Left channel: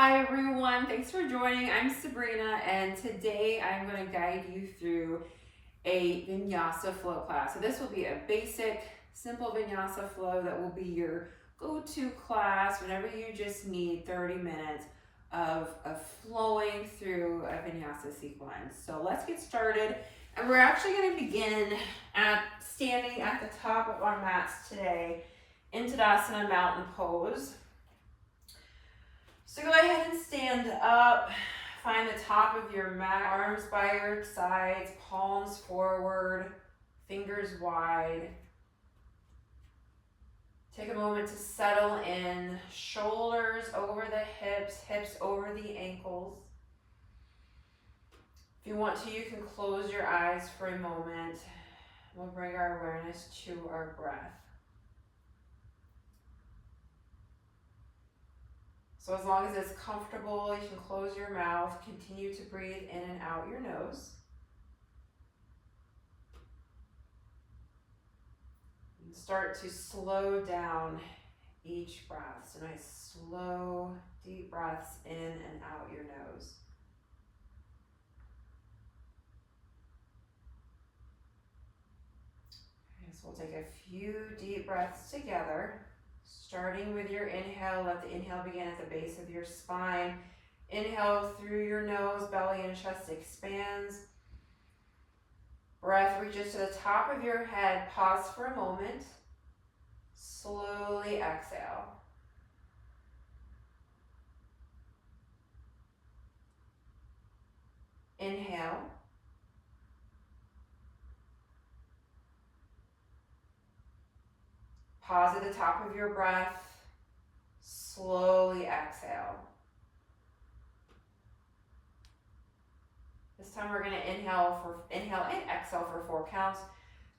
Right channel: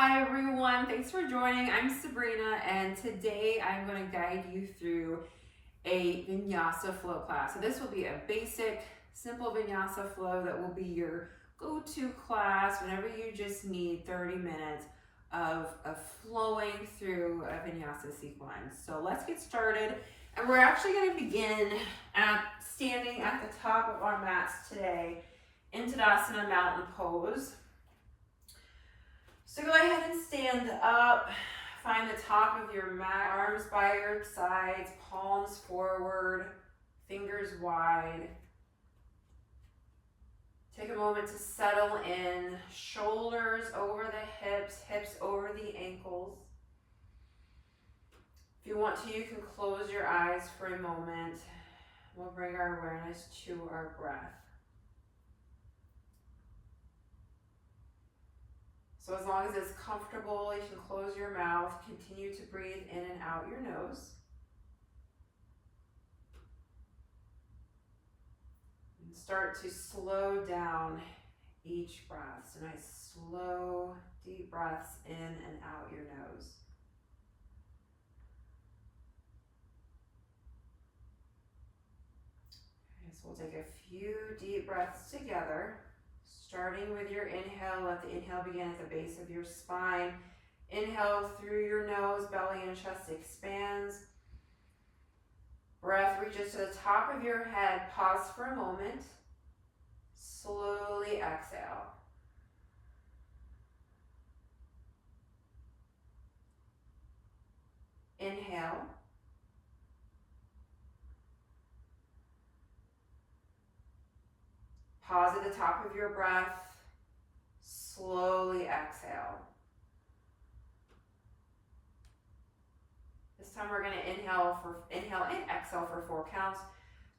Hi everyone, thanks for joining. I'm Sabrina and today I'm going to guide you through a vinyasa flow class. So this will be a basic, simple vinyasa flow that will be your go-to class whenever you just need 30 minutes of flowing through a vinyasa sequence. So let's get started. And we're actually going to begin at standing at the top of our mats today in Tadasana Mountain Pose. So go ahead and stand up, find the top of your mat, arms by your sides, palms forward, fingers wide. Take a moment to settle in, shoulders over the hips, hips over the ankles. If you want to, you can close your eyes for a moment. We'll bring our awareness to our breath. So as long as it's comfortable, you can close your mouth, continue to breathe in and out your nose. And start to slow down each breath. So nice, slow, deep breaths in and out your nose. Okay, so we'll take a few deep breaths together. Starting with your inhale, let the inhale begin at the base of your spine. Inhale through your nose, belly and chest expands. Breath reaches to the top of your head. Pause for a moment. Slowly exhale. Inhale. Pause at the top of your breath. Slowly exhale. This time we're going to inhale and exhale for 4 counts.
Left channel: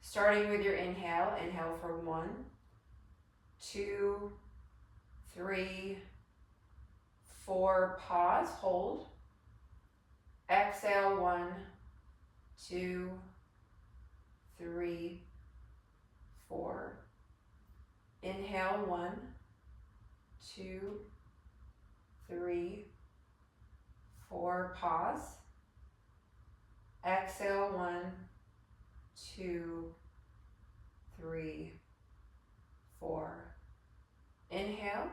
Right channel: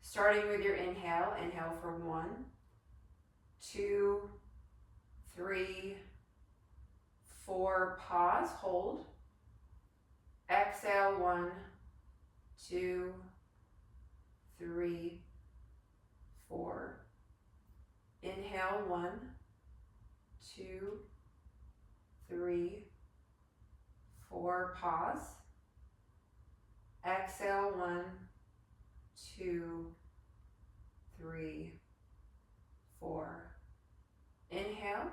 Starting with your inhale. Inhale for 1, 2, 3, 4. Pause, hold. Exhale 1, 2, 3, 4. Inhale 1, 2, 3, 4. Pause. Exhale 1, 2, 3, 4. Inhale.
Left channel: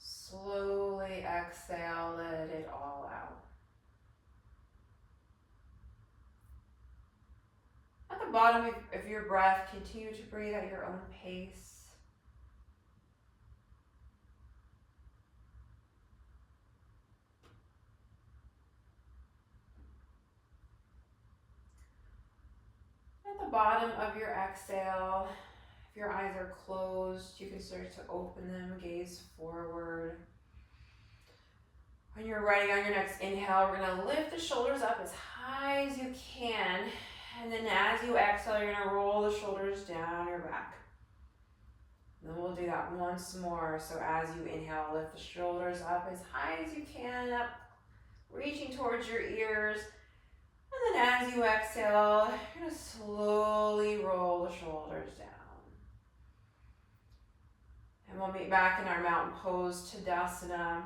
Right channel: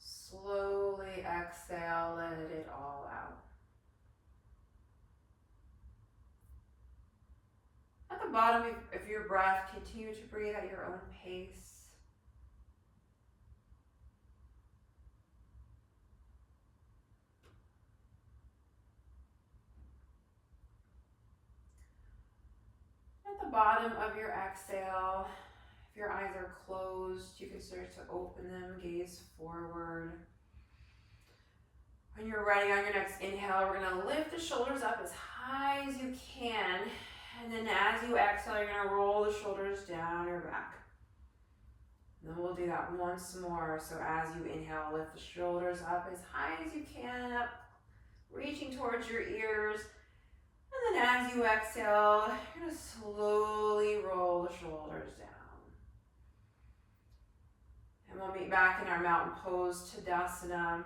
Slowly exhale, let it all out. At the bottom of your breath, continue to breathe at your own pace. At the bottom of your exhale, if your eyes are closed, you can start to open them, gaze forward. When you're ready on your next inhale, we're going to lift the shoulders up as high as you can. And then as you exhale, you're going to roll the shoulders down your back. And then we'll do that once more. So as you inhale, lift the shoulders up as high as you can, up, reaching towards your ears. And then as you exhale, you're going to slowly roll the shoulders down. And we'll meet back in our mountain pose, Tadasana.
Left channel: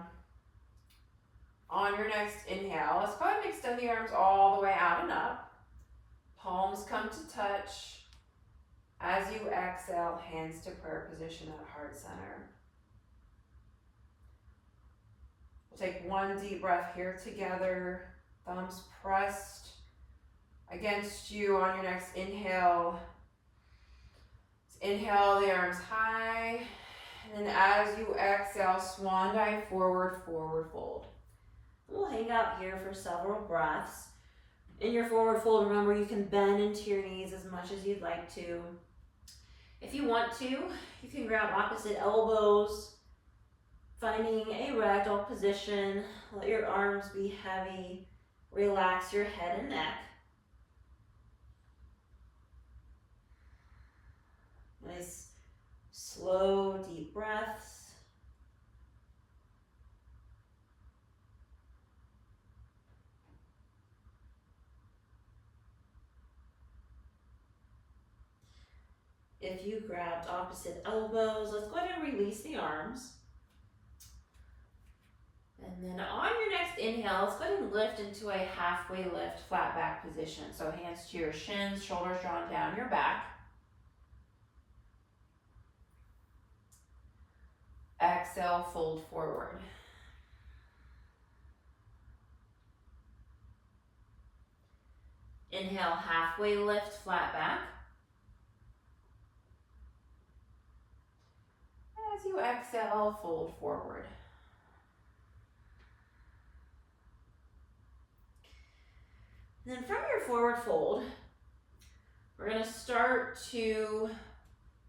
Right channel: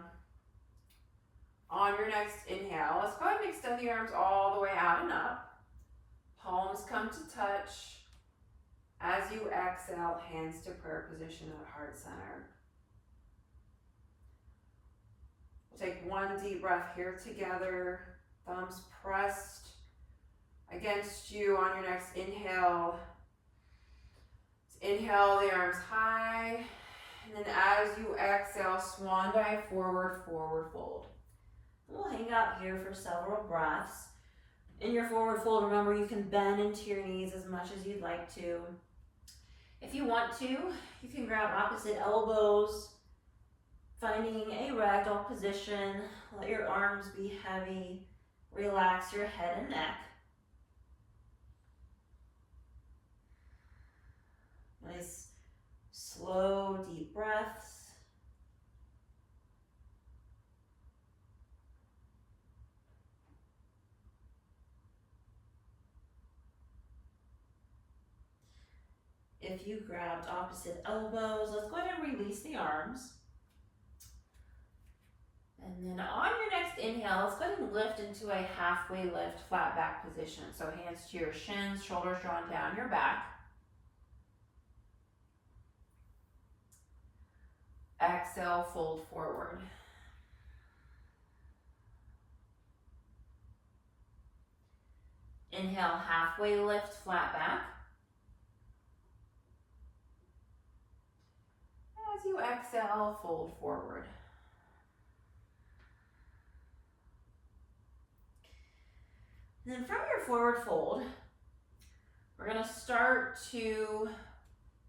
On your next inhale, let's go ahead and extend the arms all the way out and up. Palms come to touch. As you exhale, hands to prayer position at heart center. We'll take one deep breath here together. Thumbs pressed against you on your next inhale. Inhale the arms high. And then as you exhale, swan dive forward, forward fold. We'll hang out here for several breaths. In your forward fold, remember you can bend into your knees as much as you'd like to. If you want to, you can grab opposite elbows, finding a ragdoll position. Let your arms be heavy. Relax your head and neck. Nice, slow, deep breaths. If you grabbed opposite elbows, let's go ahead and release the arms. And then on your next inhale, let's go ahead and lift into a halfway lift, flat back position. So hands to your shins, shoulders drawn down your back. Exhale, fold forward. Inhale, halfway lift, flat back. As you exhale, fold forward. And then from your forward fold, we're going to start to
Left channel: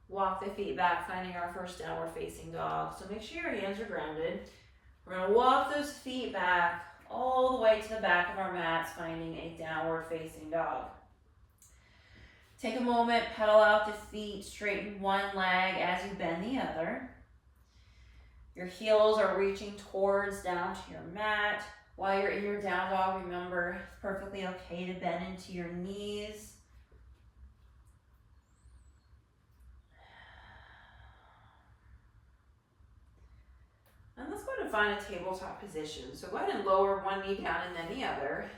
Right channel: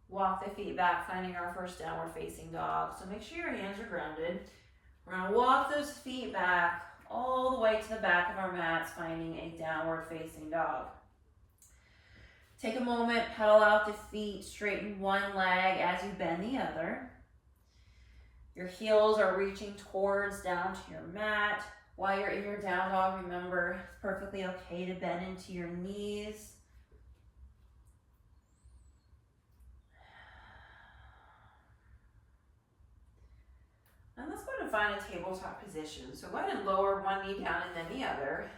walk the feet back, finding our first downward facing dog. So make sure your hands are grounded. We're going to walk those feet back all the way to the back of our mats, finding a downward facing dog. Take a moment, pedal out the feet, straighten one leg as you bend the other. Your heels are reaching towards down to your mat. While you're in your down dog, remember it's perfectly okay to bend into your knees. And let's go ahead and find a tabletop position. So go ahead and lower one knee down and then the other.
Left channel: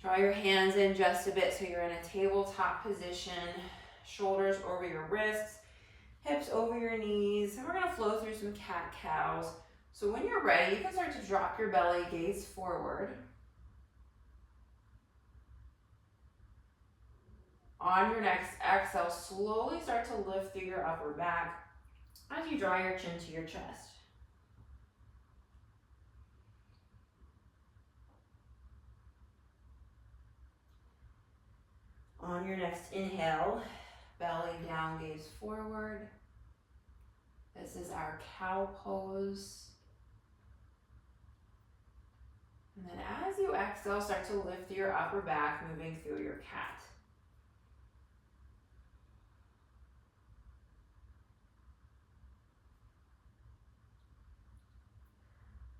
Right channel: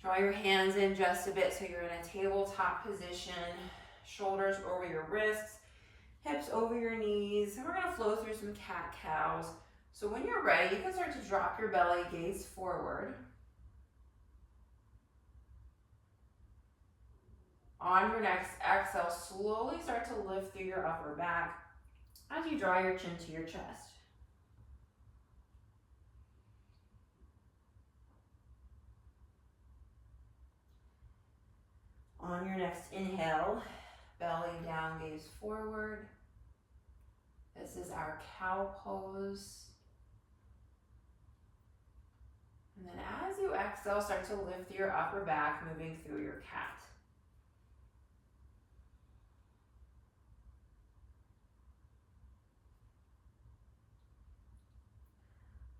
Draw your hands in just a bit so you're in a tabletop position. Shoulders over your wrists, hips over your knees. And we're going to flow through some cat-cows. So when you're ready, you can start to drop your belly, gaze forward. On your next exhale, slowly start to lift through your upper back as you draw your chin to your chest. On your next inhale, belly down, gaze forward. This is our cow pose. And then as you exhale, start to lift your upper back, moving through your cat.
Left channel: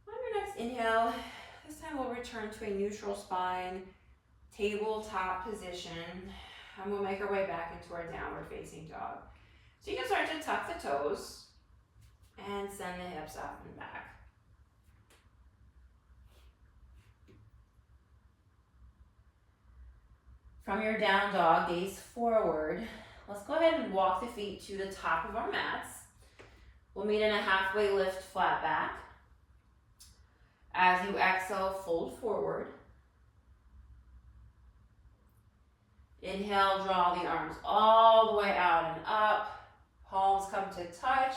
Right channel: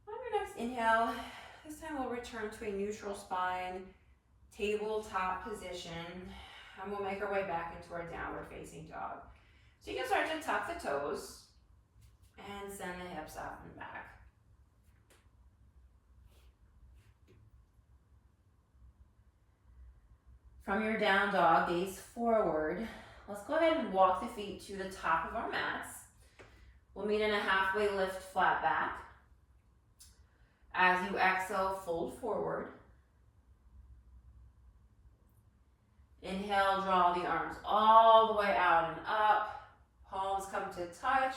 On your next inhale, this time we'll return to a neutral spine, tabletop position, and we'll make our way back into our downward facing dog. So you can start to tuck the toes and send the hips up and back. From your down dog, gaze forward. Let's go ahead and walk the feet to the top of our mats. We'll meet in a halfway lift, flat back. As you exhale, fold forward. Inhale, draw the arms all the way out and up. Palms come to touch.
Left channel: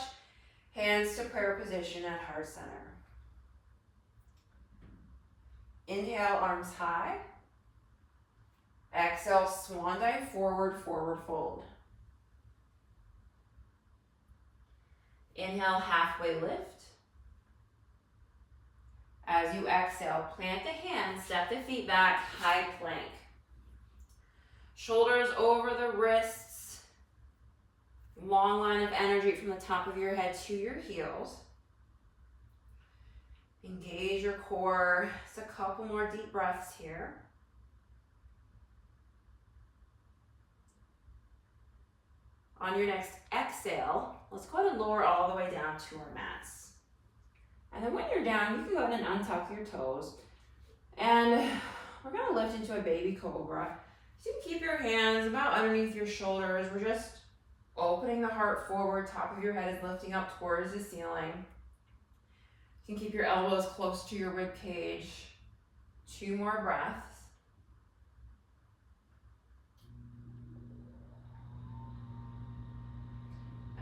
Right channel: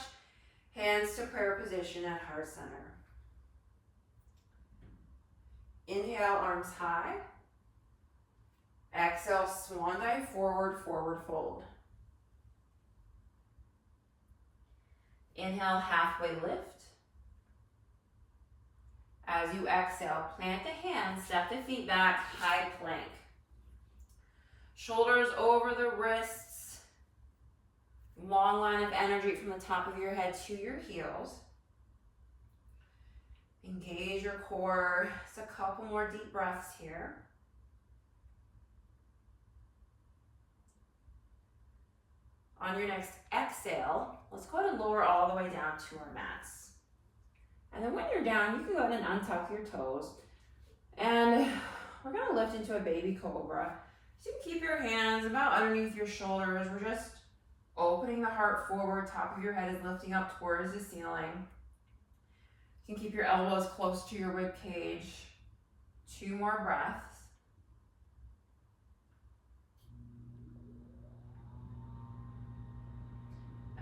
Hands to prayer position at heart center. Inhale, arms high. Exhale, swan dive forward, forward fold. Inhale, halfway lift. As you exhale, plant the hands, step the feet back, high plank. Shoulders over the wrists. Long line of energy from the top of your head to your heels. Engage your core. Just a couple more deep breaths here. On your next exhale, let's go ahead and lower all the way down to our mats. And then when you're down, you can go ahead and untuck your toes. And we're going to lift into a baby cobra. So you can keep your hands about underneath your shoulders. We're just opening the heart forward. Top of your head is lifting up towards the ceiling. You can keep your elbows close to your rib cage. 2 more breaths.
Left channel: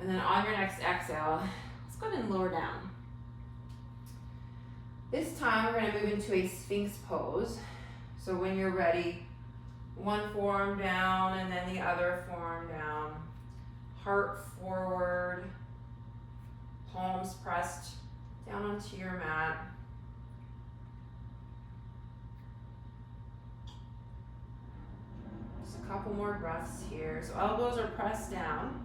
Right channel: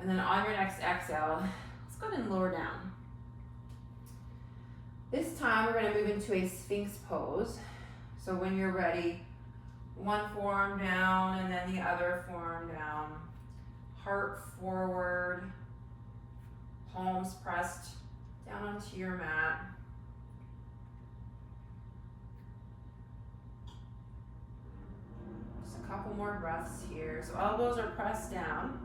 And then on your next exhale, let's go ahead and lower down. This time we're going to move into a Sphinx pose. So when you're ready, one forearm down and then the other forearm down. Heart forward, palms pressed down onto your mat. Just a couple more breaths here. So elbows are pressed down.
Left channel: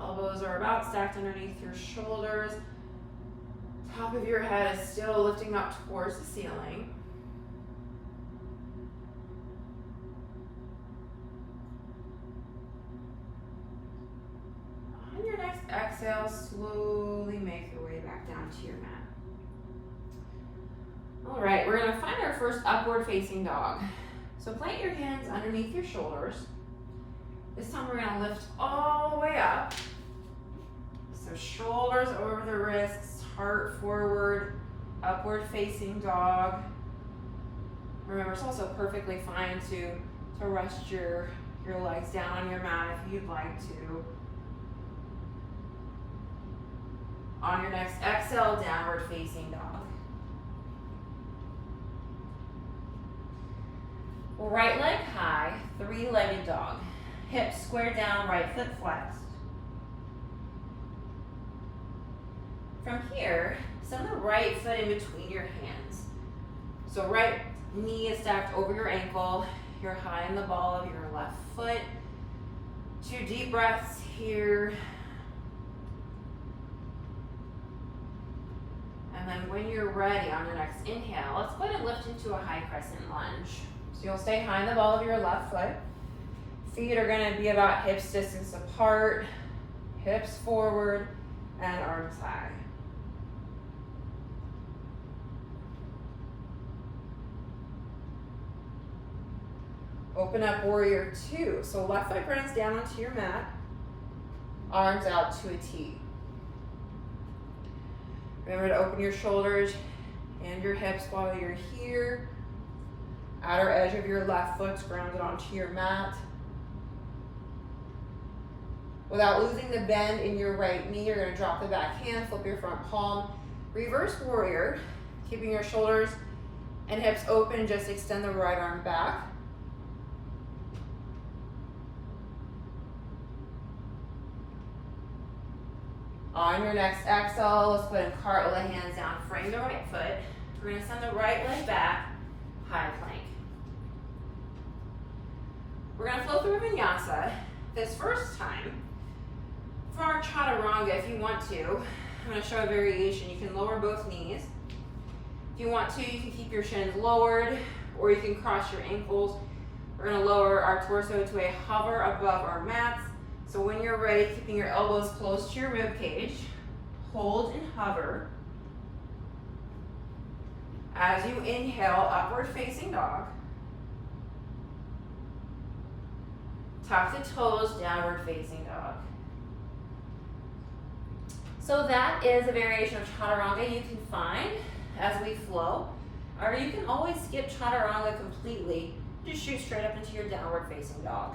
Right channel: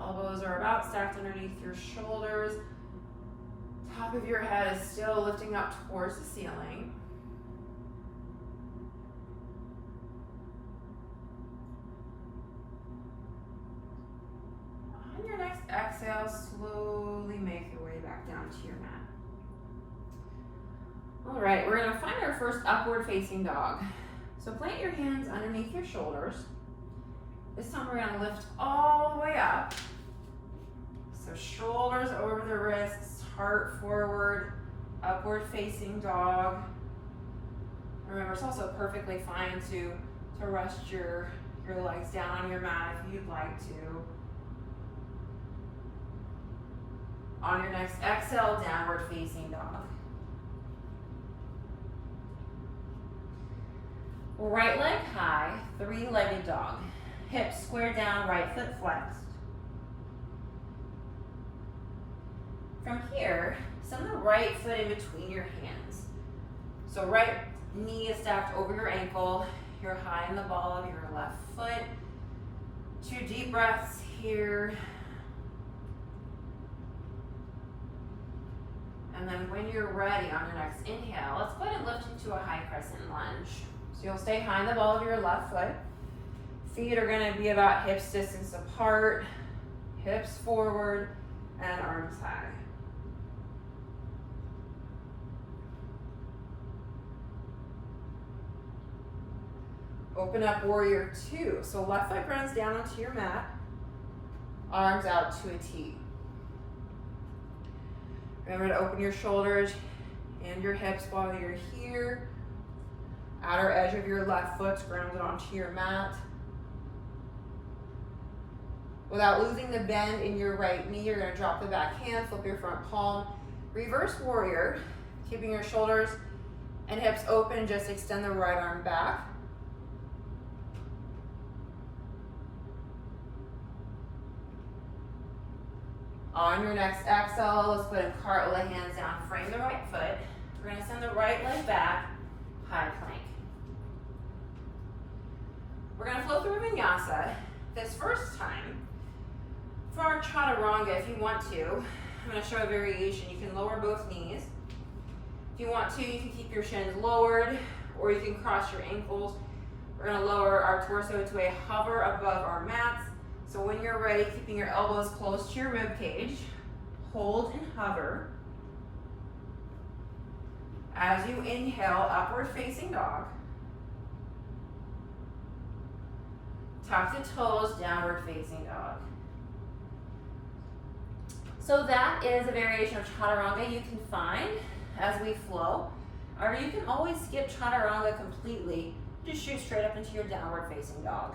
Elbows are about stacked underneath your shoulders. Top of your head is still lifting up towards the ceiling. exhale, slowly make your way back down to your mat. All right, we're gonna find our first upward facing dog. So plant your hands underneath your shoulders. This time we're gonna lift all the way up. So shoulders over the wrists, heart forward, upward facing dog. Remember, it's also perfectly fine to rest your legs down on your mat if you'd like to. On your next exhale, downward facing dog. Right leg high, three-legged dog. Hips square down, right foot flexed. From here, send the right foot in between your hands. So right knee is stacked over your ankle. You're high in the ball of your left foot. 2 deep breaths here. And then when you're ready on your next inhale, let's go ahead and lift into a high crescent lunge. So you'll stay high in the ball of your left foot. Feet are gonna be about hips distance apart, hips forward, and arms high. Open up warrior 2. So left foot runs down onto your mat, arms out to a T. Remember to open your shoulders and your hips while you're here. Outer edge of your left foot's grounded onto your mat. Without losing the bend in your right knee, you're gonna drop the back hand, flip your front palm, reverse warrior, keeping your shoulders and hips open, and just extend the right arm back. On your next exhale, let's go ahead and cartwheel the hands down, frame the right foot. We're gonna send the right leg back, high plank. We're gonna flow through vinyasa. This first time, for our chaturanga, if you want to, I'm gonna show a variation. You can lower both knees. If you want to, you can keep your shins lowered, or you can cross your ankles. We're gonna lower our torso to a hover above our mats. So when you're ready, keeping your elbows close to your rib cage, hold and hover. As you inhale, upward facing dog. Tuck the toes, downward facing dog. So that is a variation of chaturanga you can find as we flow. Or you can always skip chaturanga completely. Just shoot straight up into your downward facing dog.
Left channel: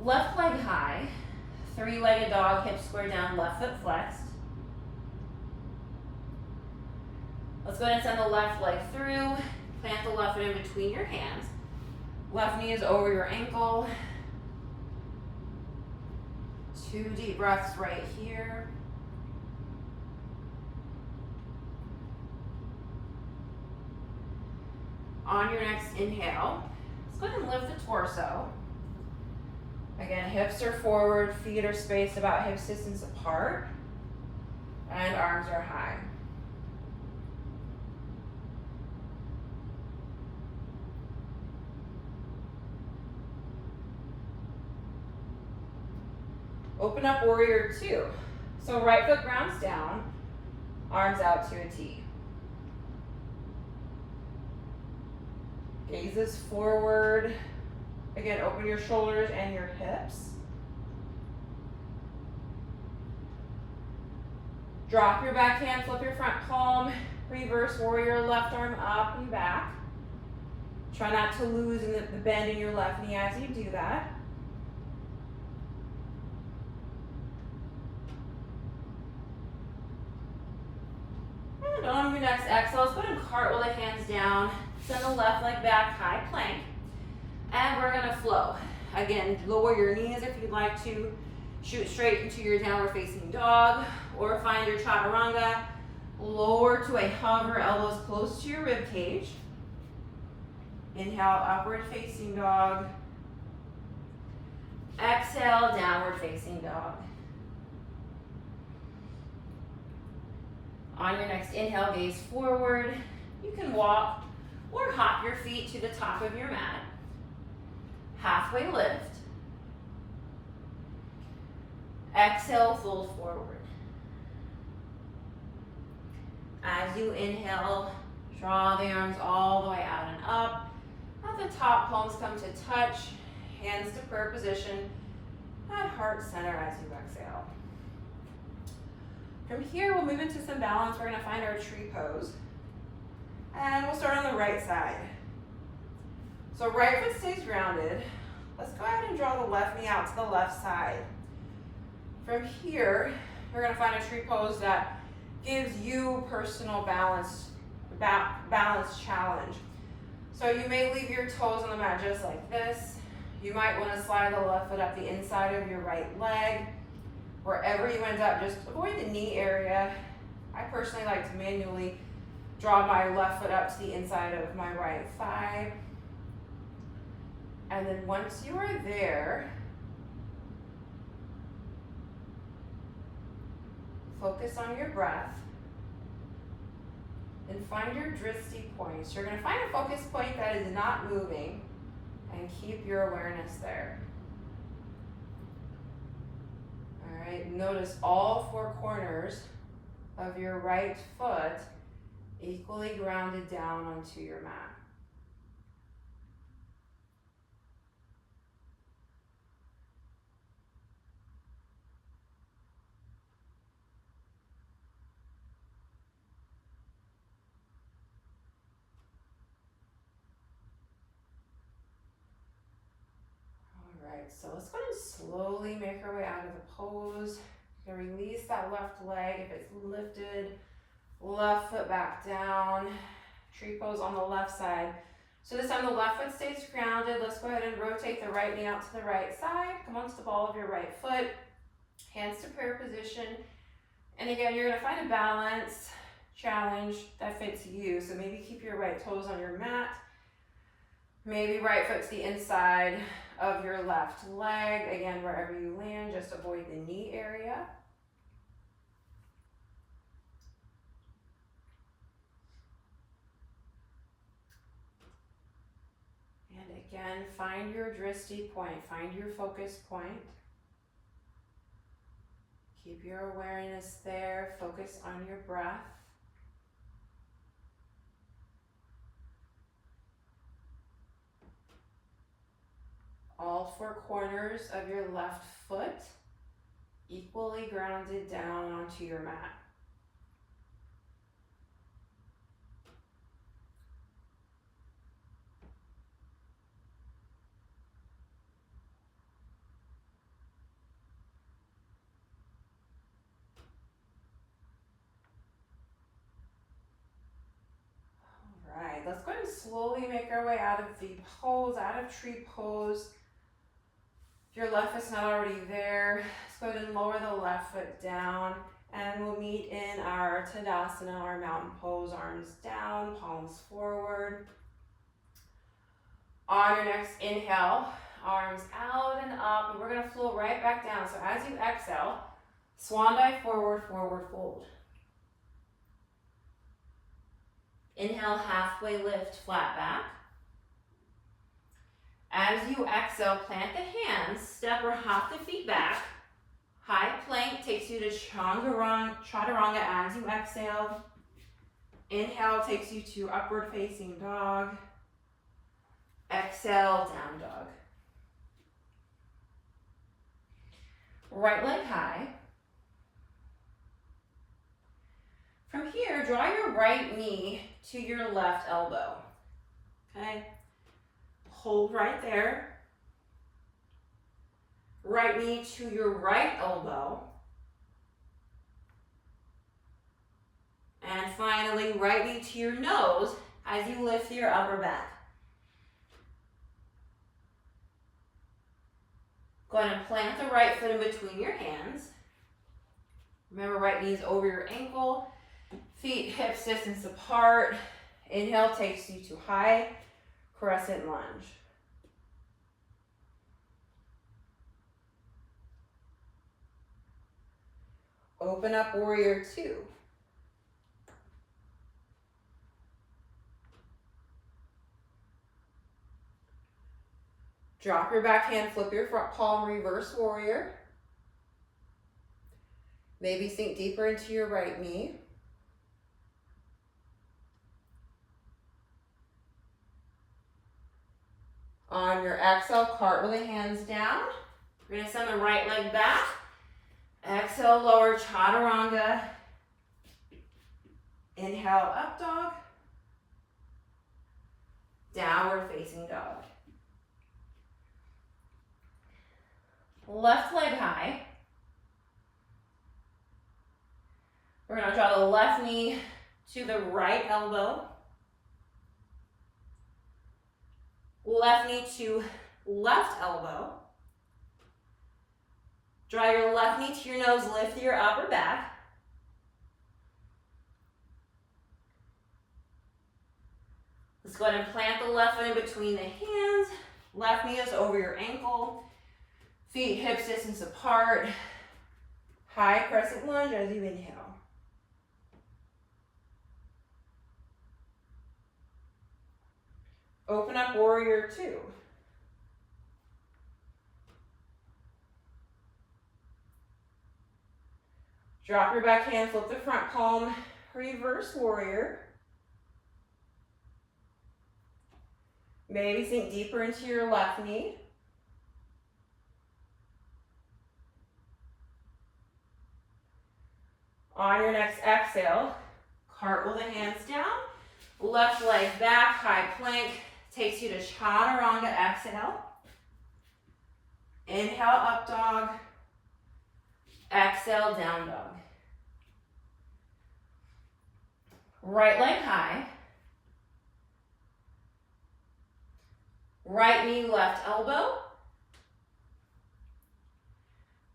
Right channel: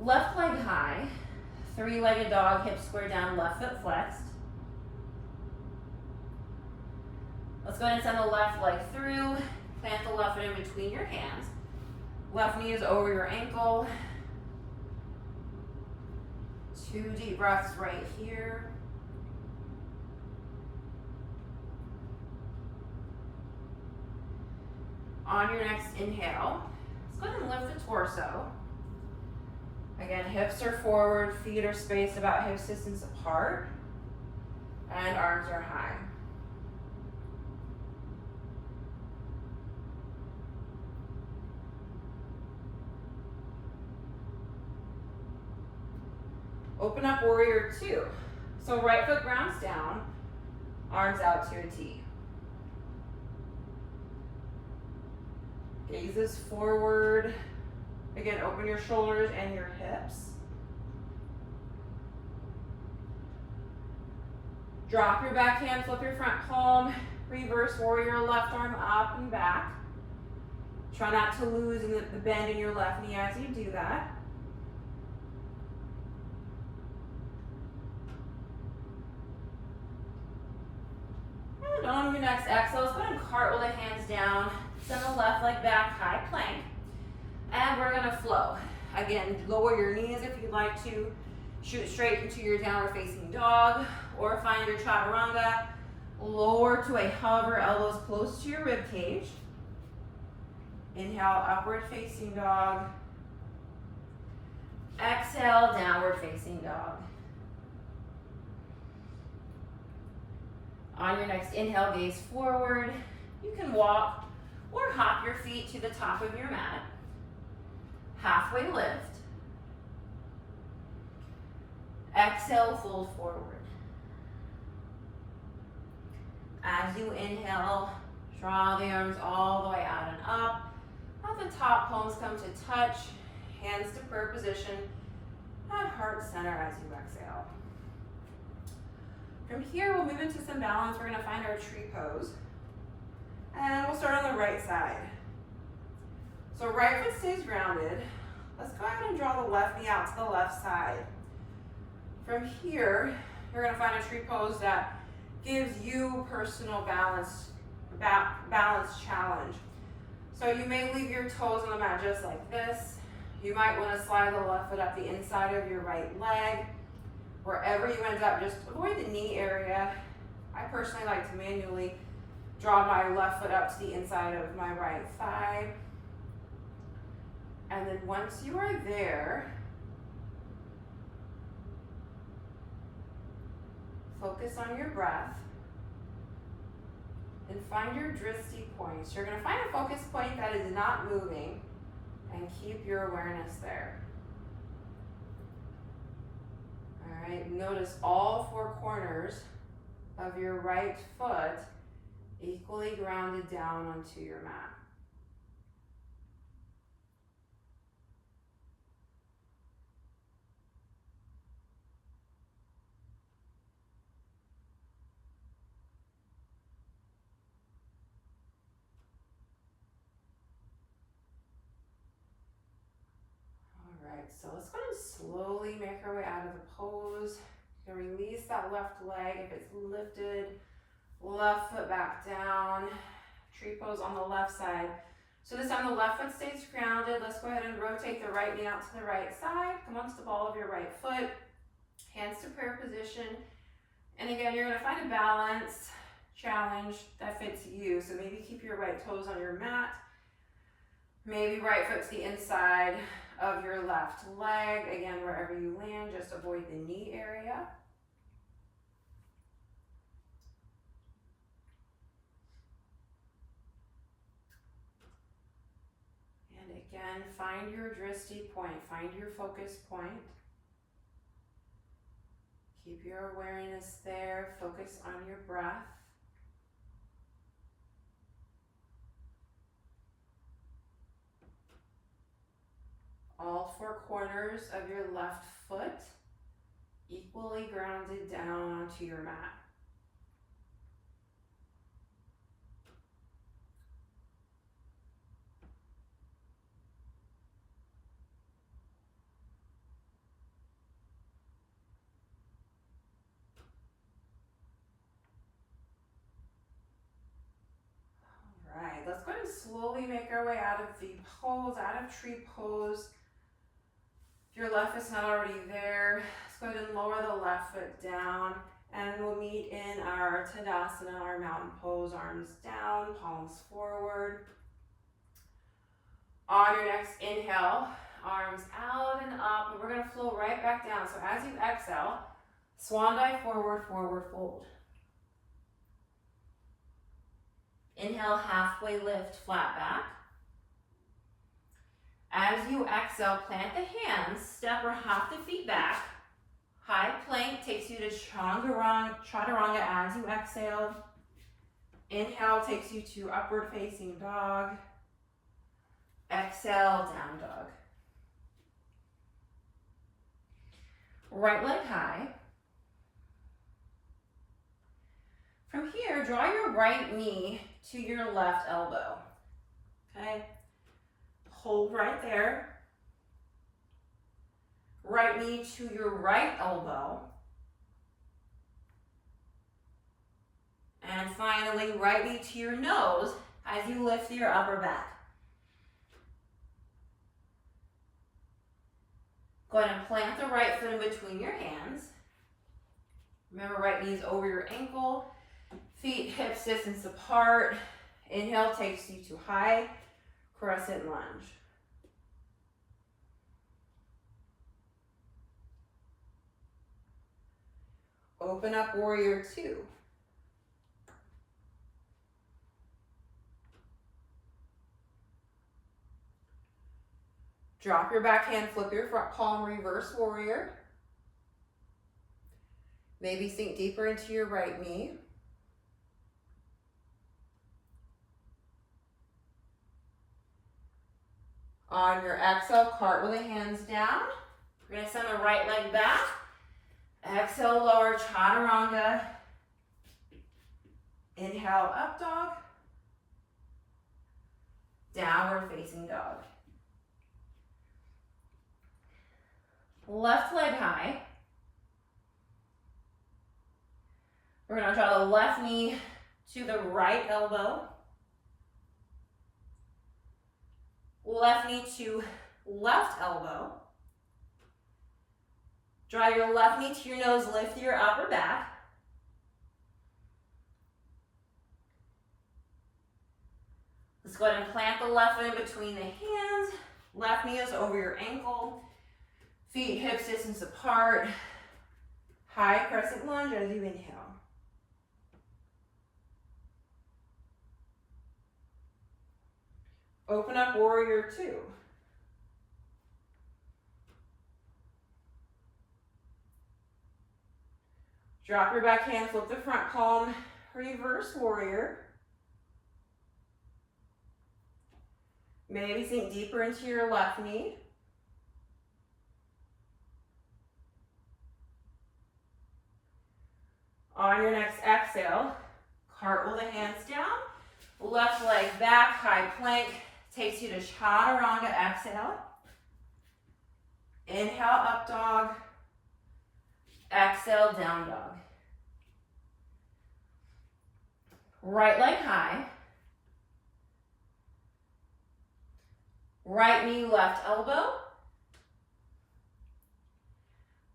Left leg high, three-legged dog, hips square down, left foot flexed. Let's go ahead and send the left leg through, plant the left foot in between your hands. Left knee is over your ankle. 2 deep breaths right here. On your next inhale, let's go ahead and lift the torso. Again, hips are forward, feet are spaced about hips distance apart, and arms are high. Open up warrior 2. So right foot grounds down, arms out to a T. Gazes forward. Again, open your shoulders and your hips. Drop your back hand, flip your front palm, reverse warrior, left arm up and back. Try not to lose in the bend in your left knee as you do that. And on your next exhale, let's go ahead and cartwheel the hands down, send the left leg back, high plank. And we're gonna flow. Again, lower your knees if you'd like to. Shoot straight into your downward facing dog, or find your chaturanga. Lower to a hover, elbows close to your rib cage. Inhale, upward facing dog. Exhale, downward facing dog. On your next inhale, gaze forward. You can walk or hop your feet to the top of your mat. Halfway lift. Exhale, fold forward. As you inhale, draw the arms all the way out and up. At the top, palms come to touch, hands to prayer position, at heart center as you exhale. From here, we'll move into some balance. We're gonna find our tree pose. And we'll start on the right side. So right foot stays grounded. Let's go ahead and draw the left knee out to the left side. From here, you're gonna find a tree pose that gives you personal balance challenge. So you may leave your toes on the mat just like this. You might want to slide the left foot up the inside of your right leg. Wherever you end up, just avoid the knee area. I personally like to manually draw my left foot up to the inside of my right thigh. And then once you are there, focus on your breath and find your drishti points. You're going to find a focus point that is not moving and keep your awareness there. All right, notice all four corners of your right foot equally grounded down onto your mat. So let's go ahead and slowly make our way out of the pose. You can release that left leg if it's lifted. Left foot back down. Tree pose on the left side. So this time the left foot stays grounded. Let's go ahead and rotate the right knee out to the right side. Come onto the ball of your right foot. Hands to prayer position. And again, you're going to find a balance challenge that fits you. So maybe keep your right toes on your mat. Maybe right foot to the inside of your left leg. Again, wherever you land, just avoid the knee area. And again, find your drishti point, find your focus point. Keep your awareness there, focus on your breath. All four corners of your left foot equally grounded down onto your mat. All right, let's go ahead and slowly make our way out of the pose, out of tree pose. If your left foot's not already there, let's go ahead and lower the left foot down, and we'll meet in our Tadasana, our mountain pose, arms down, palms forward. On your next inhale, arms out and up, and we're gonna flow right back down. So as you exhale, swan dive forward, forward fold. Inhale, halfway lift, flat back. As you exhale, plant the hands, step or hop the feet back. High plank takes you to Chaturanga as you exhale. Inhale takes you to upward facing dog. Exhale, down dog. Right leg high. From here, draw your right knee to your left elbow. Okay? Hold right there. Right knee to your right elbow. And finally, right knee to your nose as you lift your upper back. Go ahead and plant the right foot in between your hands. Remember, right knee is over your ankle. Feet hips distance apart. Inhale takes you to high crescent lunge. Open up warrior two. Drop your back hand, flip your front palm, reverse warrior. Maybe sink deeper into your right knee. On your exhale, cartwheel the hands down. We're gonna send the right leg back. Exhale, lower chaturanga. Inhale, up dog. Downward facing dog. Left leg high. We're gonna draw the left knee to the right elbow. Left knee to left elbow. Draw your left knee to your nose, lift your upper back. Let's go ahead and plant the left foot in between the hands. Left knee is over your ankle. Feet hips distance apart. High crescent lunge as you inhale. Open up warrior two. Drop your back hand, flip the front palm, reverse warrior. Maybe sink deeper into your left knee. On your next exhale, cartwheel the hands down, left leg back, high plank, takes you to chaturanga, exhale. Inhale, up dog. Exhale, down dog. Right leg high. Right knee, left elbow.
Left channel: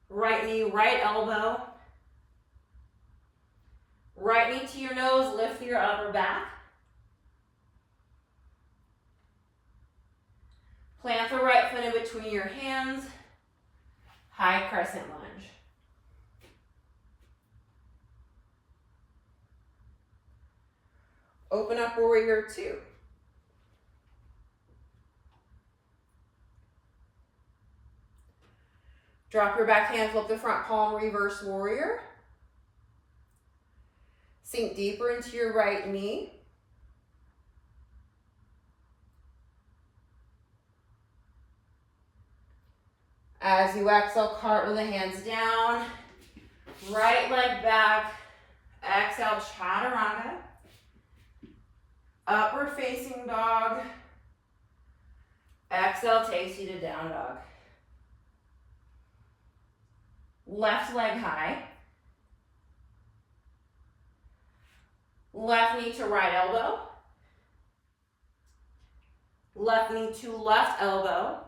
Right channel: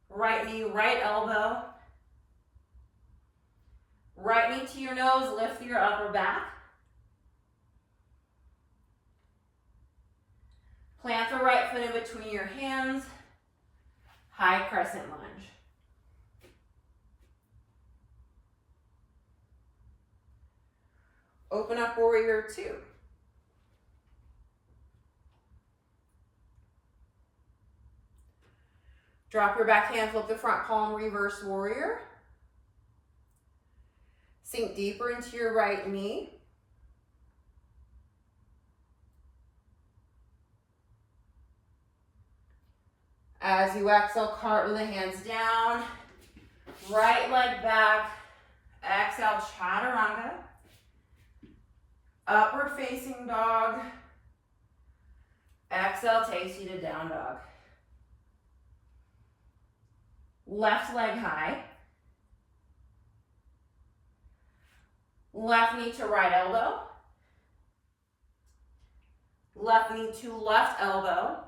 Right knee, right elbow. Right knee to your nose, lift your upper back. Plant the right foot in between your hands. High crescent lunge. Open up warrior two. Drop your back hand, flip the front palm, reverse warrior. Sink deeper into your right knee. As you exhale, cartwheel the hands down. Right leg back. Exhale, chaturanga. Upward facing dog. Exhale takes you to down dog. Left leg high. Left knee to right elbow. Left knee to left elbow.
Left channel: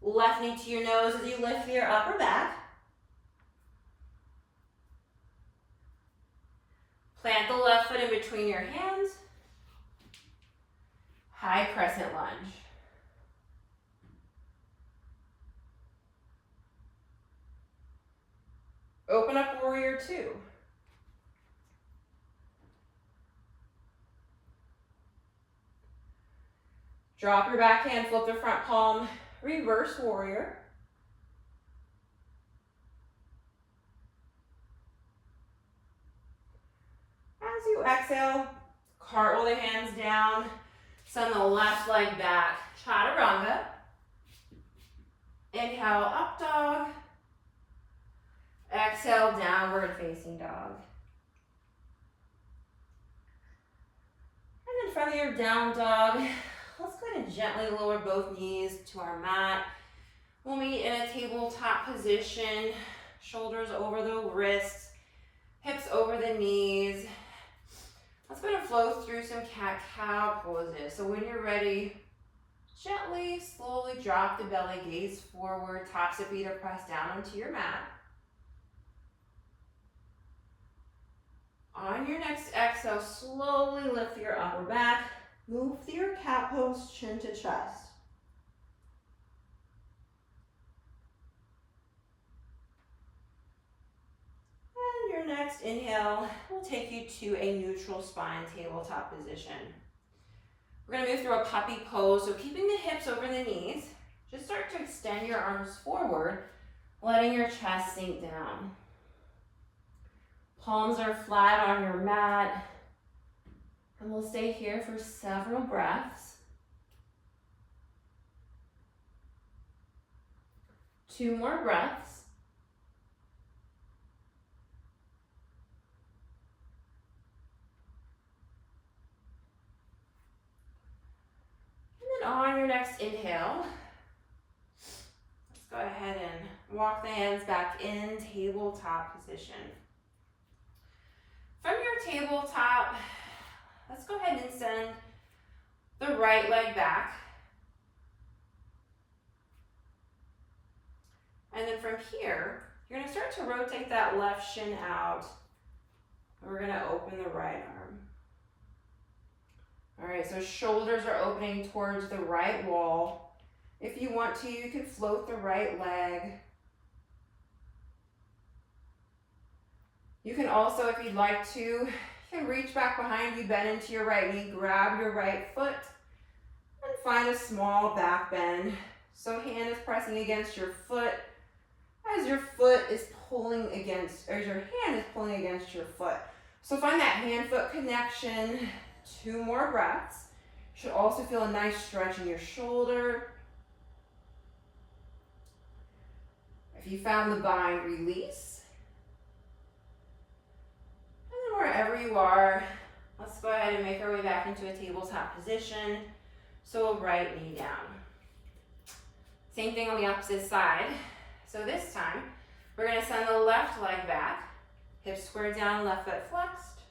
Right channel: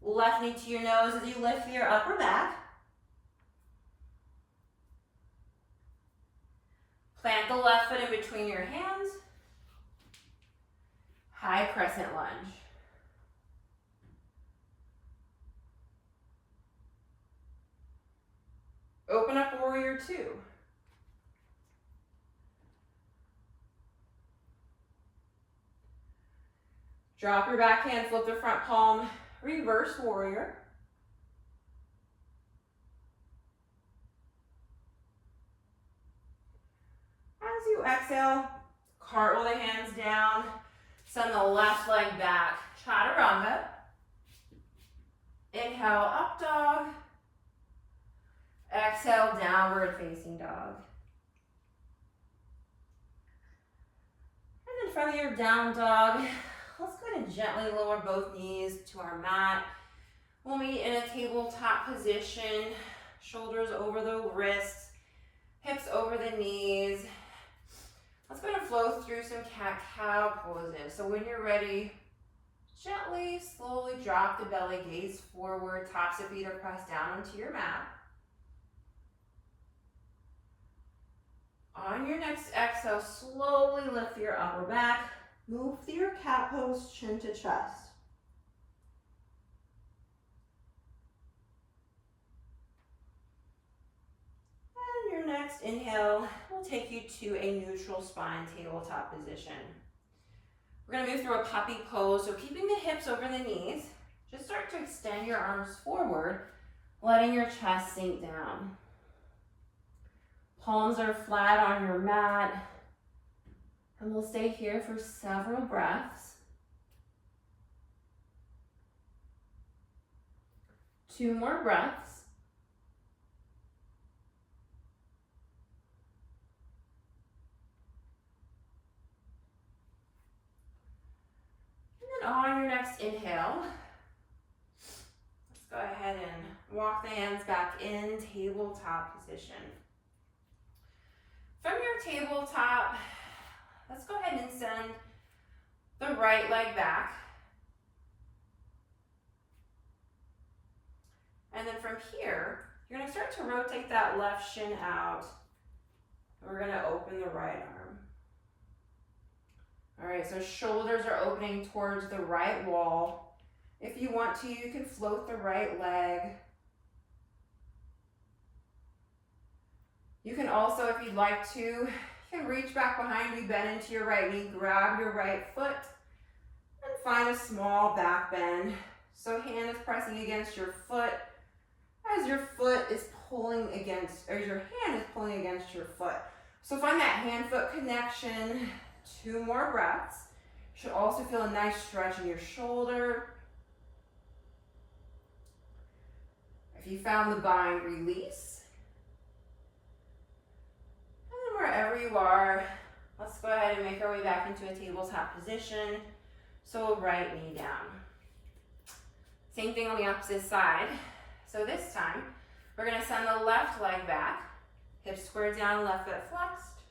Left knee to your nose as you lift your upper back. Plant the left foot in between your hands. High crescent lunge. Open up warrior two. Drop your back hand, flip the front palm, reverse warrior. As you exhale, cartwheel the hands down, send the left leg back, chaturanga. Inhale, up dog. Exhale, downward facing dog. And then from your down dog, let's go ahead and gently lower both knees to our mat. We'll meet in a tabletop position, shoulders over the wrists, hips over the knees. Let's go ahead and flow through some cat-cow poses. So when you're ready, gently, slowly drop the belly, gaze forward, tops of feet are pressed down onto your mat. On your next exhale, slowly lift your upper back. Move through your cat pose, chin to chest. And your next inhale will take you to a neutral spine tabletop position. We're going to move through a puppy pose, so keeping the hips over the knees. Just start to extend your arms forward. letting your chest sink down. Palms are flat on your mat, and we'll stay here for several breaths. 2 more breaths. And then on your next inhale, let's go ahead and walk the hands back in tabletop position. From your tabletop, let's go ahead and send the right leg back. And then from here, you're gonna start to rotate that left shin out. We're gonna open the right arm. All right, so shoulders are opening towards the right wall. If you want to, you can float the right leg. You can also, if you'd like to, you can reach back behind you, bend into your right knee, grab your right foot, and find a small back bend. So hand is pressing against your foot as your foot is pulling against, or your hand is pulling against your foot. So find that hand-foot connection. 2 more breaths. You should also feel a nice stretch in your shoulder. If you found the bind, release. And then wherever you are, let's go ahead and make our way back into a tabletop position. So right knee down. Same thing on the opposite side. So this time, we're gonna send the left leg back, hips squared down, left foot flexed.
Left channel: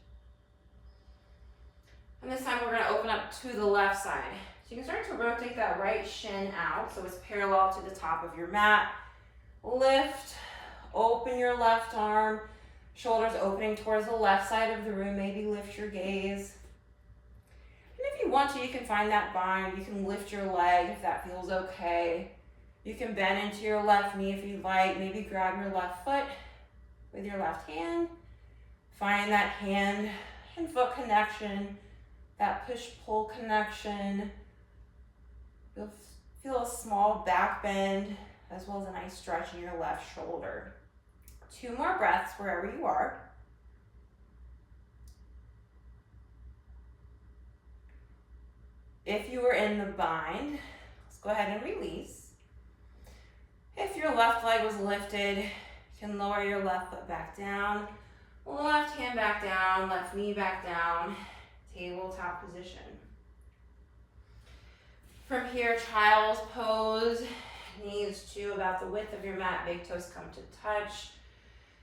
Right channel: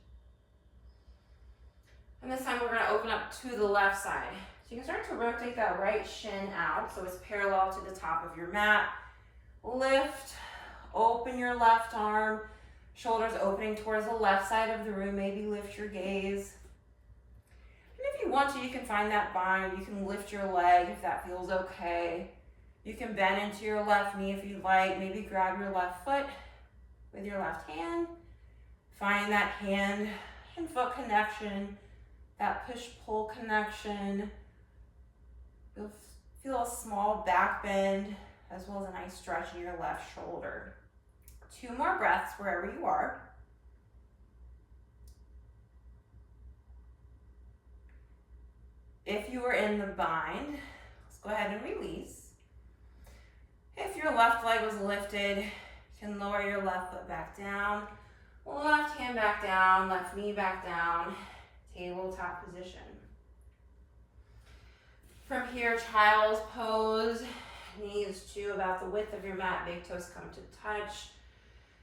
And this time we're gonna open up to the left side. So you can start to rotate that right shin out so it's parallel to the top of your mat. Lift, open your left arm, shoulders opening towards the left side of the room, maybe lift your gaze. And if you want to, you can find that bind, you can lift your leg if that feels okay. You can bend into your left knee if you'd like, maybe grab your left foot with your left hand. Find that hand and foot connection, that push-pull connection. You'll feel a small back bend as well as a nice stretch in your left shoulder. 2 more breaths wherever you are. If you were in the bind, let's go ahead and release. If your left leg was lifted, you can lower your left foot back down, left hand back down, left knee back down, tabletop position. From here, child's pose, knees to about the width of your mat, big toes come to touch.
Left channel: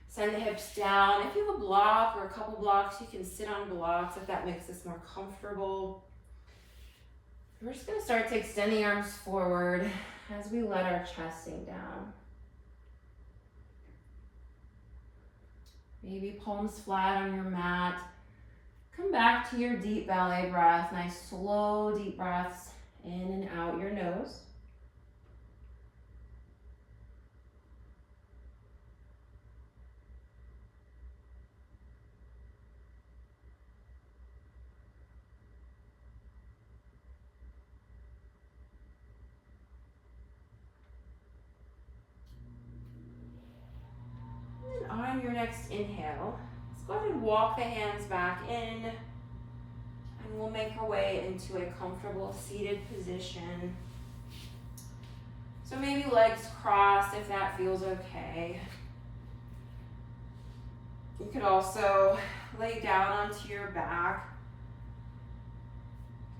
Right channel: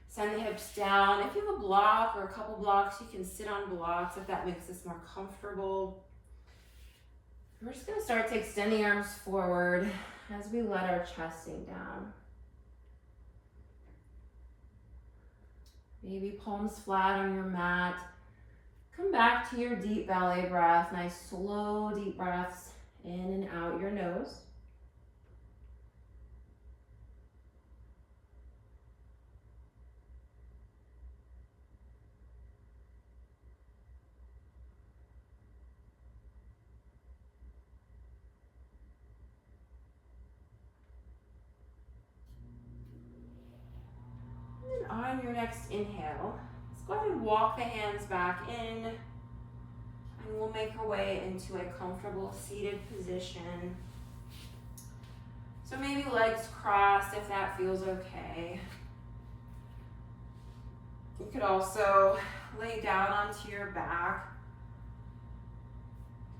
Send the hips down. If you have a block or a couple blocks, you can sit on blocks if that makes this more comfortable. We're just gonna start to extend the arms forward as we let our chest sink down. Maybe palms flat on your mat. Come back to your deep belly breath. Nice slow deep breaths in and out your nose. On your next inhale, let's go ahead and walk the hands back in, and we'll make our way into a comfortable seated position. So maybe legs crossed if that feels okay. You could also lay down onto your back.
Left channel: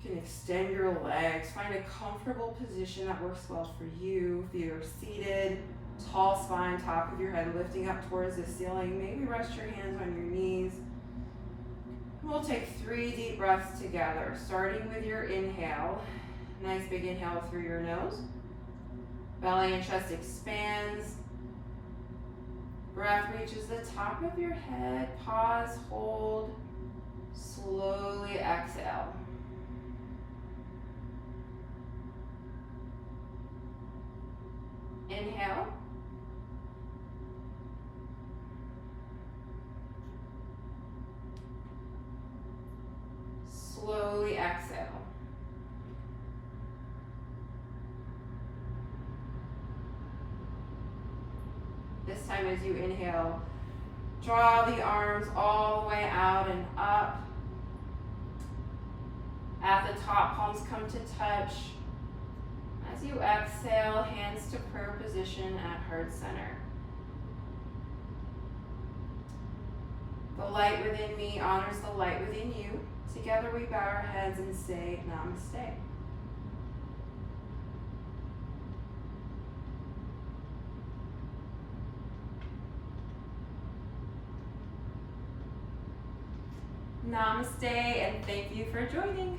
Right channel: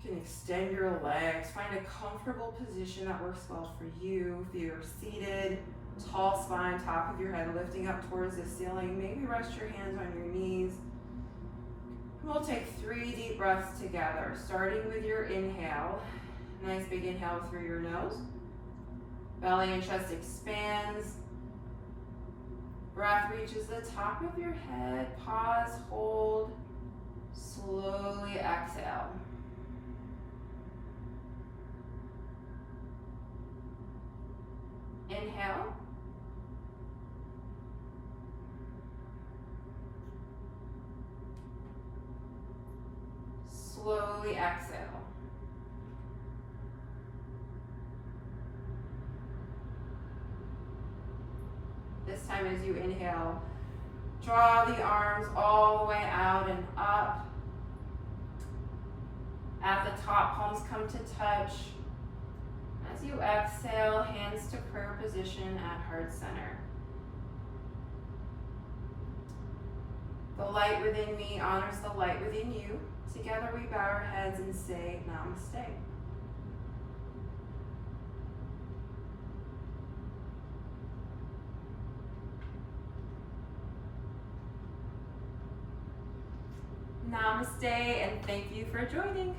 You can extend your legs, find a comfortable position that works well for you. If you're seated, tall spine, top of your head lifting up towards the ceiling. Maybe rest your hands on your knees. We'll take 3 deep breaths together, starting with your inhale. Nice big inhale through your nose. Belly and chest expands. Breath reaches the top of your head. Pause, hold. Slowly exhale. Inhale. Slowly exhale. This time as you inhale, draw the arms all the way out and up. At the top, palms come to touch. As you exhale, hands to prayer position at heart center. The light within me honors the light within you. Together we bow our heads and say namaste. Namaste, and thank you for joining.